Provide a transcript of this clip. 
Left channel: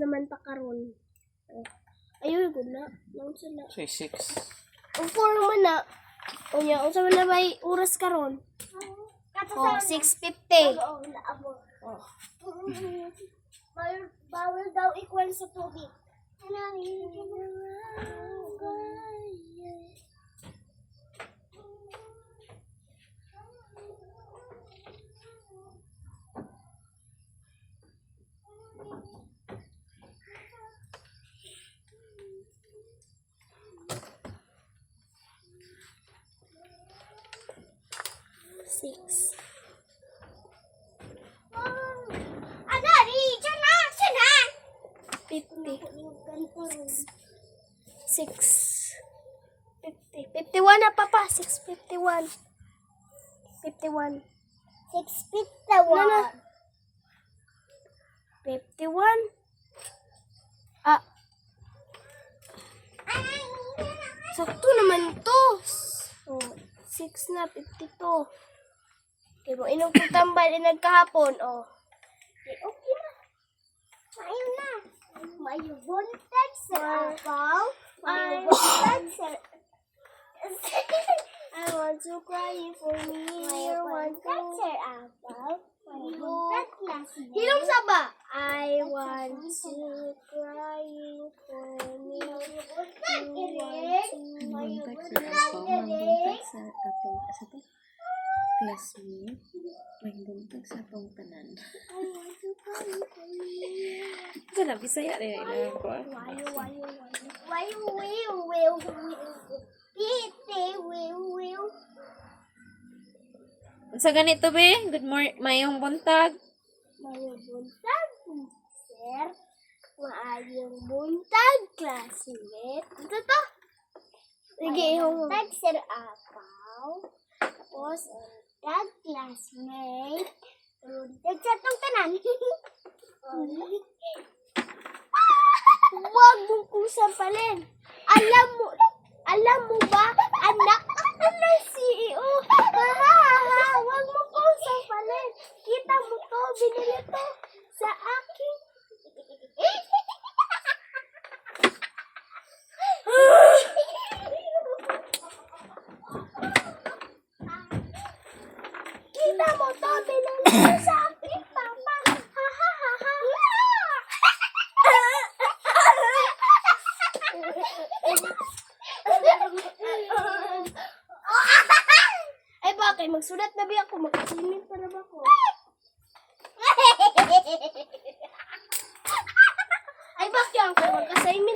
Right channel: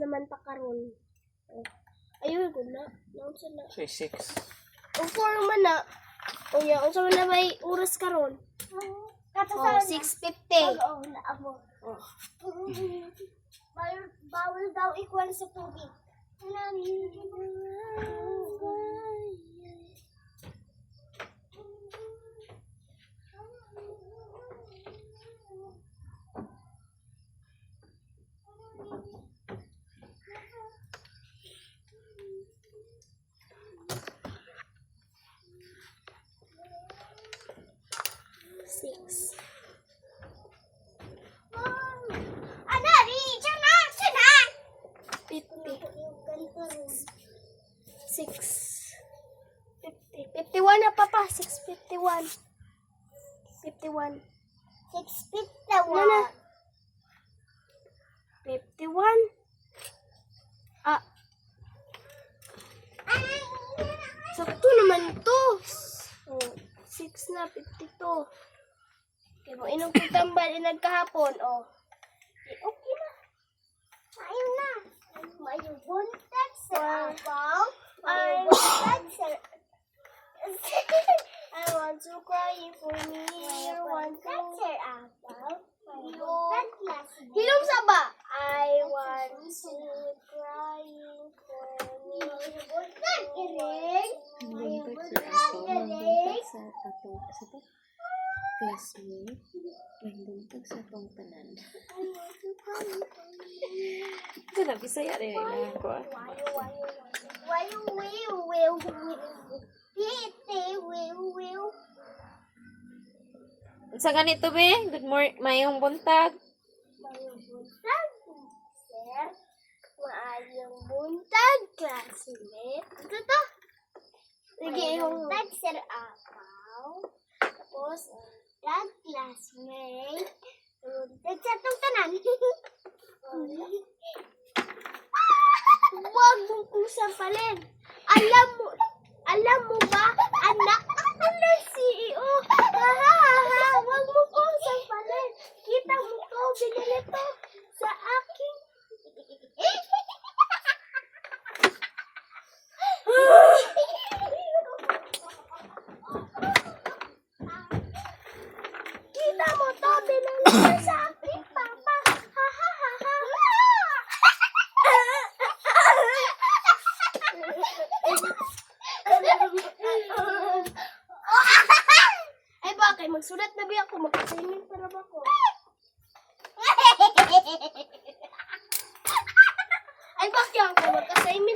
naman pa karon. Ayun, good na. Naon sila. So, 6. Ang 4 naman na. Unya, unsa man na may oras karon? 6:50. Bawal daw equal sa tubig. Six. 51 na papa. 6:51. 51. 6:51. 51. Ah. Sakto naman to. 6 na, 52. Okay, mo inom kong tambal nagkahapon. Oh. Okay na. Ayun na. May buntag sa abaw. I want to cry for me. I want to Hilom sa ba? I want to cry for me. Classmate, may buntag sa atong tanan. Sana Bisaya rin ang ko. Sa ganito be, good morning, mayong buntag. Mayong buntag, sir. Maayong buntag, classmate. Ito to. Sige, buntag, sir, apaw. Tapos, buntag, classmate. Buntag sa itong tanan. Huwag mong kusampalin. Alam mo ba, anak? Ano, CEO? Huwag mo kusampalin. Kita mo to, binili to sa akin. Kita mo to, binili to sa akin, papa. Ay bakit? Magsulat na ba ako? Mag-assignment pa na ba ako? Ay bakit ako? Mag-assignment